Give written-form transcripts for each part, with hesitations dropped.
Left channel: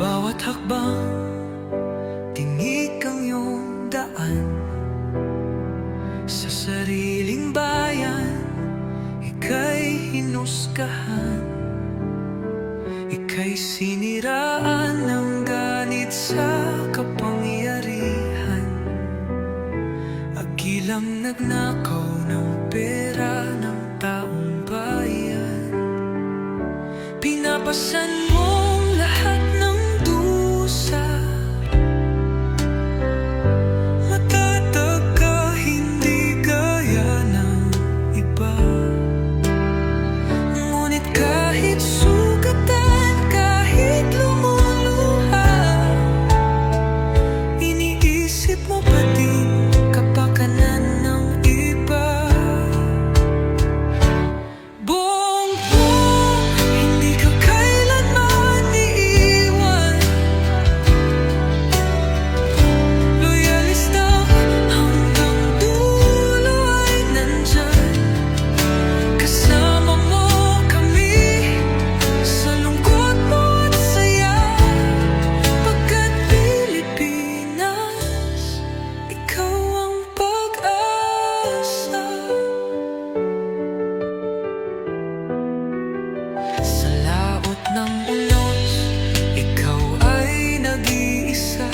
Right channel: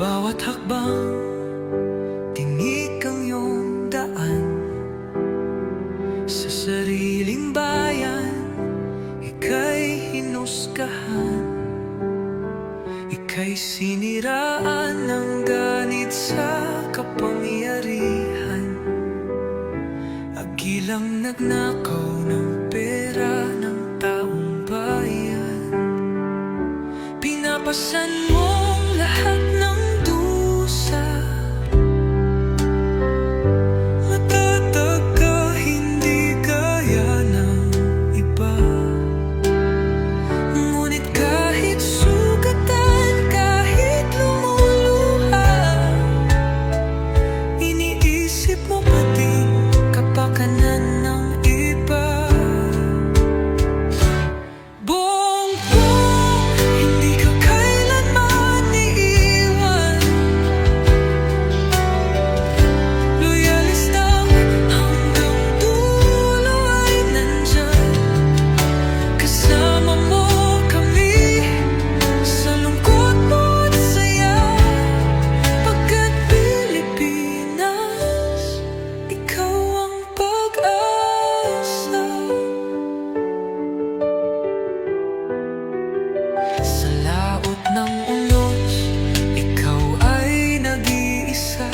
Bawat hakbang, tinik ang iyong daan. Sa sariling bayan, ika'y hinusgahan. Ika'y siniraan ng ganit sa kapangyarihan. Agilang nagnakaw ng pera ng taong bayan. Pinapasan mong lahat ng dusa. Matatag ka, hindi gaya ng iba. Ngunit kahit sugatan, kahit lumuluha, iniisip mo pa din kapakanan ng iba. Bongbong, hindi ka kailanman iiwan. Loyalistang hanggang dulo ay nandyan. Kasama mo kami sa lungkot mo at saya. Pagkat Pilipinas, ikaw ang pag-asa. Sa laot ng unos, ikaw ay nag-iisa.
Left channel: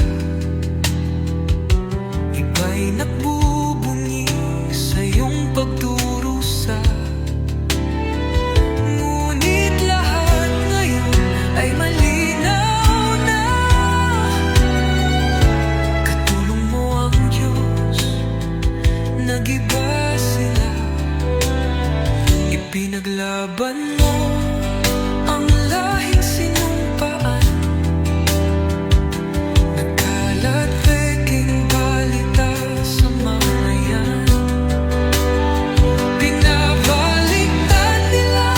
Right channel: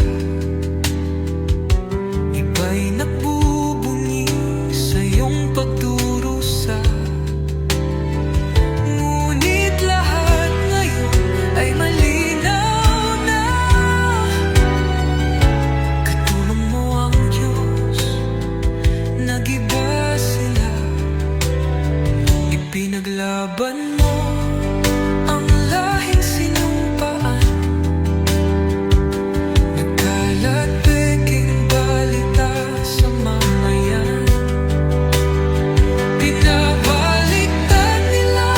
Iba'y nagbubunyi sa iyong pagdurusa. Ngunit lahat ngayon ay malinaw na. Katulong mo ang Diyos, nag-iba sila. Ipinaglaban mo ang lahing sinumpaan. Nagkalat peking balita sa mamayan. Binabaliktad nila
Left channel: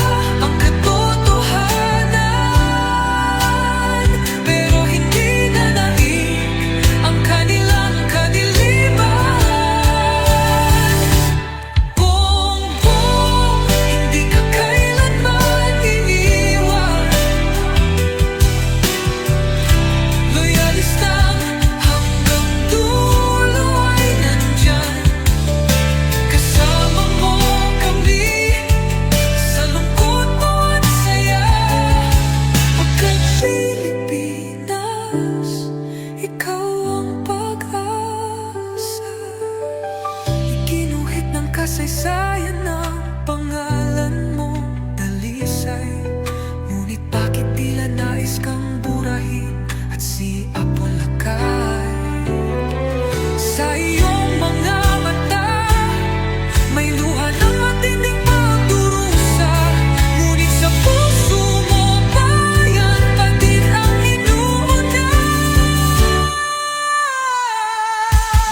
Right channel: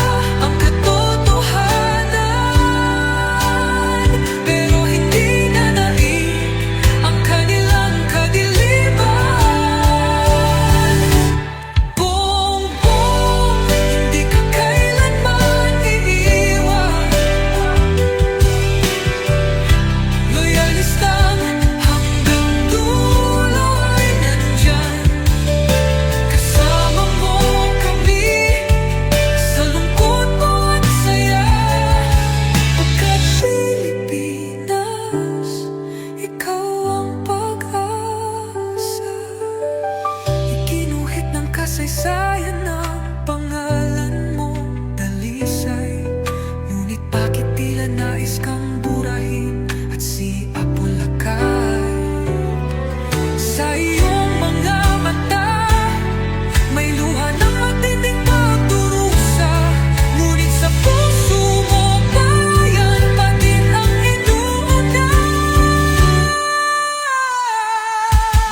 ang katotohanan, pero hindi na naig ang kanilang kadiliman. Bongbong, hindi ka kailanman iiwan. Loyalistang hanggang dulo ay nandyan. Kasama mo kami sa lungkot mo at saya. Pagkat Pilipinas, ikaw ang pag-asa. Iginuhit ng kasaysayan ng pangalan mo, dalisay. Ngunit bakit tila nais kang burahin at siapolakay? Sa iyong mga mata, may luha ng matinding pagdurusa. Ngunit sa puso mo, bayan pa din ang inuuna.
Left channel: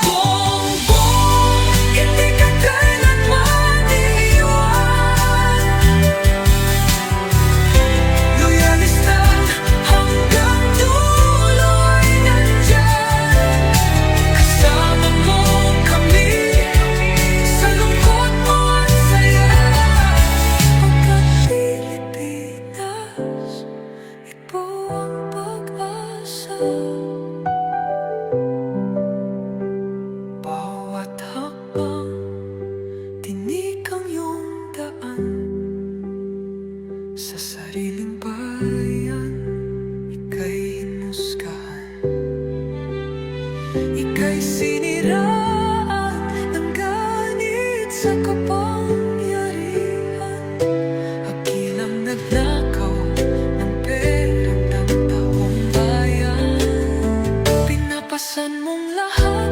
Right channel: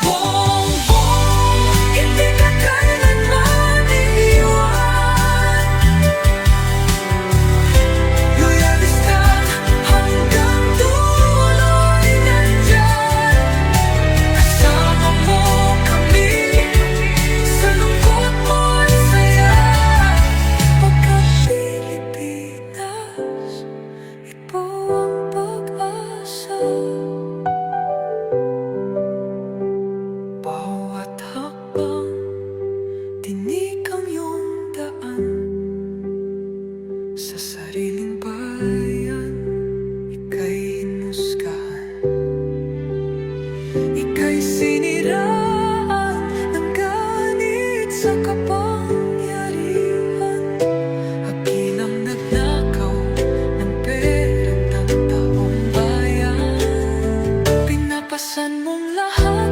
Bongbong, hindi ka kailanman iiwan. Loyalistang hanggang dulo ay nandyan. Kasama mo kami sa lungkot mo at saya. Pagkat Pilipinas, ikaw ang pag-asa. Bawat hakbang, tinik ang iyong daan. Sa sariling bayan, ika'y hinusgahan. Ika'y siniraan ng ganit sa kapangyarihan. Agilang nagnakaw ng pera ng taong bayan. Pinapasan mong lahat